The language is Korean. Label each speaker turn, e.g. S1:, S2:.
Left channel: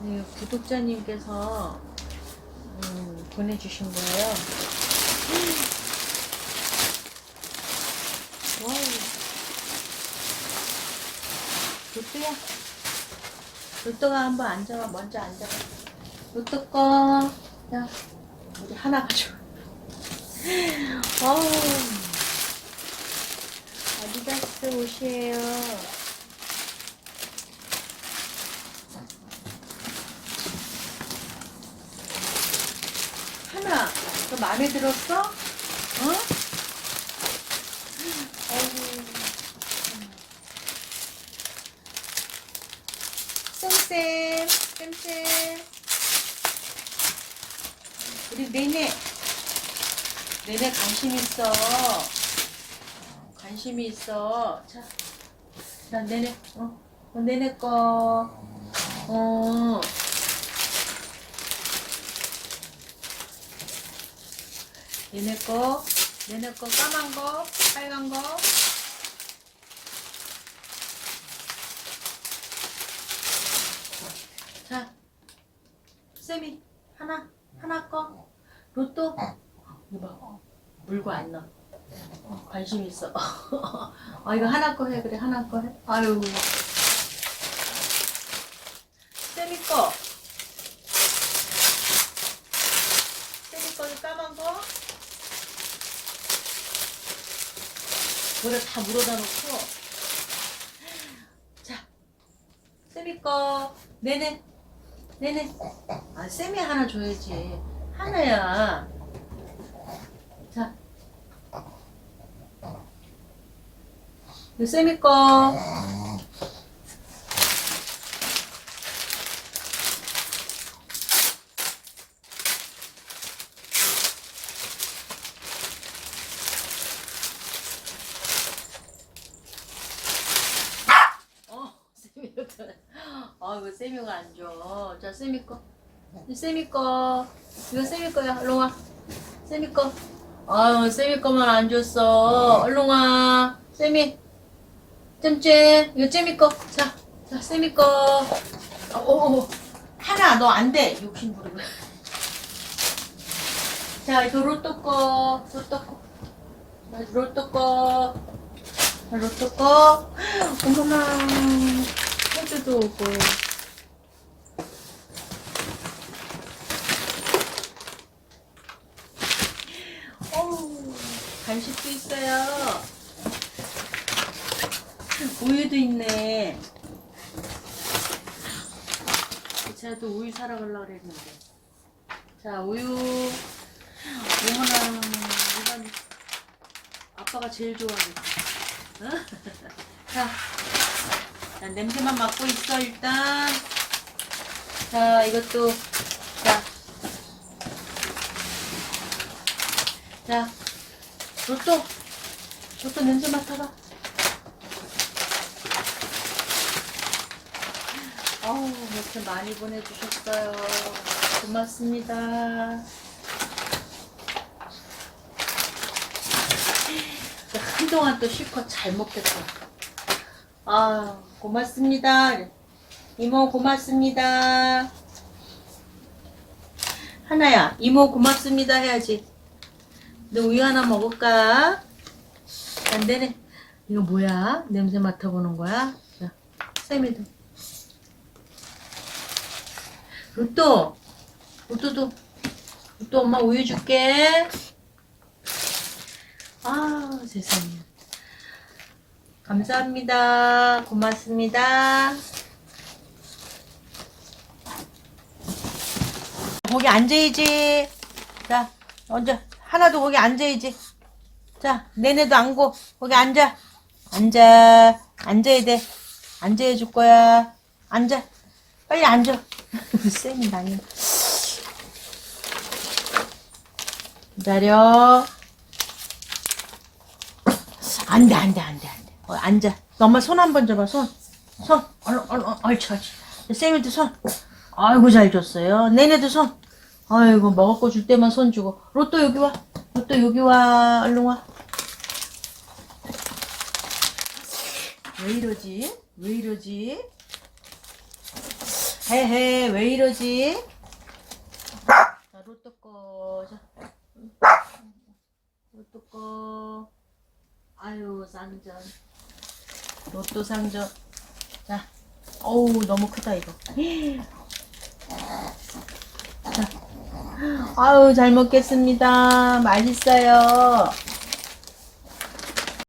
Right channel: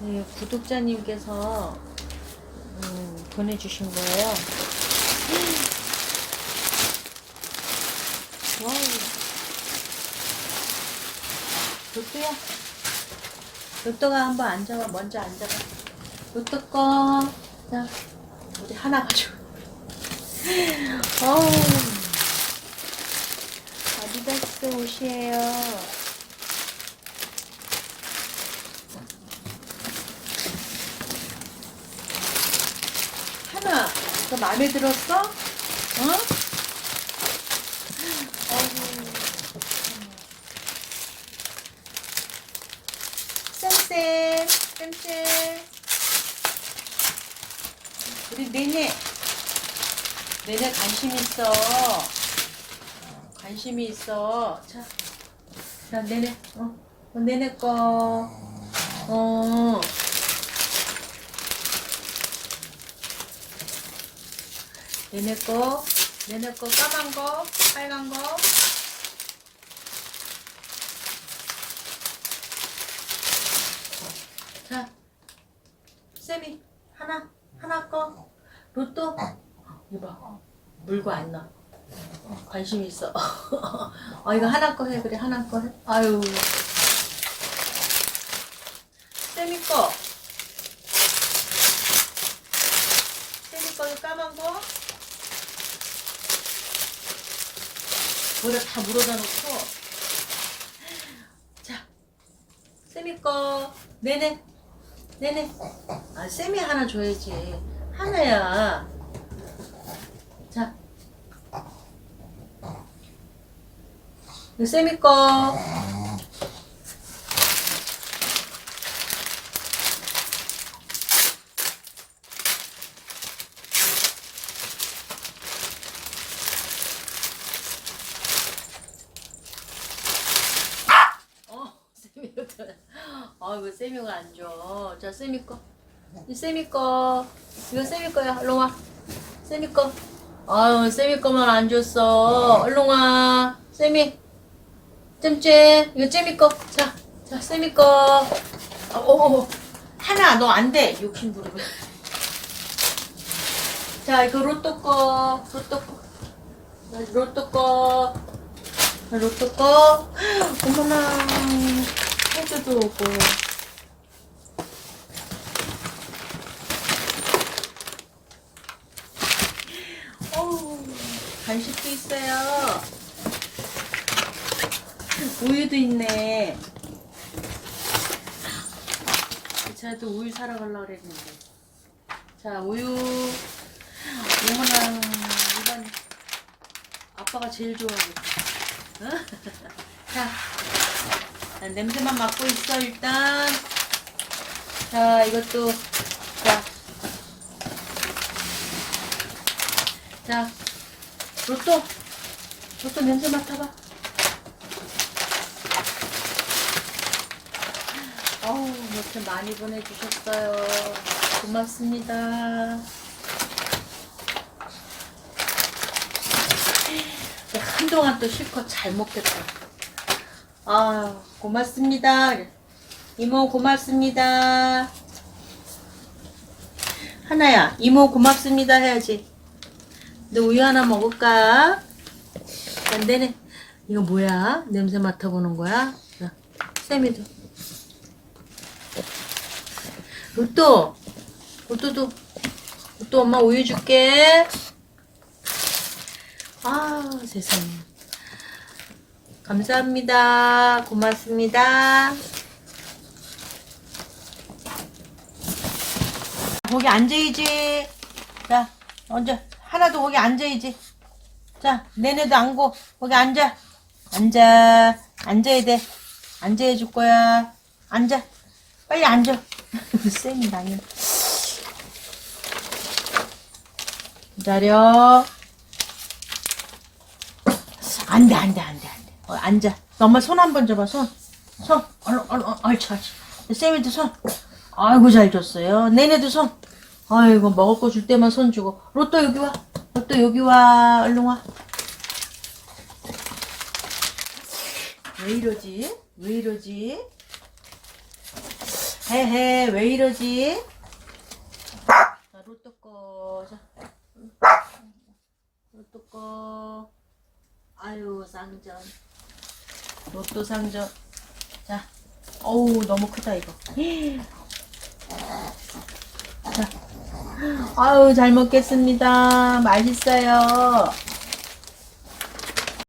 S1: 네, 구독자님께서 음, 보내주신 거예요. 와, 로또야. 로또가 한번 앉아봐. 먼저 앉아봐. 로또 거. 자, 우리 하나 가지고. 어우. 아디다스 옷이에요. 너 마음에 들었어? 응? 쌤쌤, 쌤쌤. 우리 내내, 내내 관심 있어. 어, 관심이 있어. 자, 자, 내내, 어, 어 내내 거. 어. 내내 거, 내내 거 까만 거, 빨간 거. 자, 쌤이 하나, 하나 거. 로또. 이봐, 물고 안 나. 어, 관심 있어. 아 이거 하나 거 해, 그래 하나 거 해. 아유. 쌤이 거. 쌤이 거는 까만 거. 물에 다 물어다 놓고. 자, 쌤이 거. 네네. 네네. 아, 쌤이 하나 줘야지. 하나야. 자. 쌤이 거. 어, 쌤이 거. 아, 이거 쌤이 거안 줘. 자, 쌤이 거. 이 쌤이 거. 이거 쌤이 거야. 얼른 와. 쌤이 거. 아유, 쌤이 거만 안 줬어. 얼른 와. 쌤이. 잼잼. 이거 잼이 거. 자, 자, 쌤이 거. 어, 어, 어. 하나, 너 안 돼. 욕심 부리고. 자, 이거 로또 거. 로또 거. 자, 로또 거. 자, 로또 거. 어머나. 호주도 오고. 간식도 있어요. 우유도 있네. 저도 우유 사러 가려고 그랬는데. 자, 우유. 어머나, 이건 아빠가 제일 좋아하겠다. 어? 자, 자, 냄새만 맡고 있어, 일단. 자, 이것도, 자. 자, 로또. 로또 냄새 맡아봐. 어우, 이렇게 많이 보내주셨어요. 고맙습니다. 한동안 또 실컷 잘 먹겠다. 아, 고맙습니다. 이모 고맙습니다. 하나야, 이모 고맙습니다 해야지. 너 우유 하나 먹을까? 안 되네. 이거 뭐야? 냄새 맡아보는 거야? 자, 쌤이도. 로또! 로또도. 로또 엄마 우유 줄게. 아, 세상에. 감사합니다. 고맙습니다. 거기 앉아야지. 자, 먼저 하나도 거기 앉아야지. 자, 내내도 앉고 거기 앉아. 앉아. 앉아야 돼. 앉아야 줄 거야. 앉아. 빨리 앉아. 쌤이 나는. 기다려. 안 돼, 안 돼, 안 돼. 어, 앉아. 너 엄마 손 한번 줘봐, 손. 손. 얼른, 얼른, 옳지, 옳지. 쌤이도 손. 아이고, 잘 줬어요. 내내도 손. 아이고, 먹을 거 줄 때만 손 주고. 로또 여기 와. 로또 여기 와. 얼른 와. 왜 이러지? 왜 이러지? 헤헤, 왜 이러지? 자, 로또 거. 자. 로또 거. 아유, 쌍전. 로또 상점. 자. 어우, 너무 크다, 이거. 자. 아유, 잘 먹겠습니다. 맛있어요.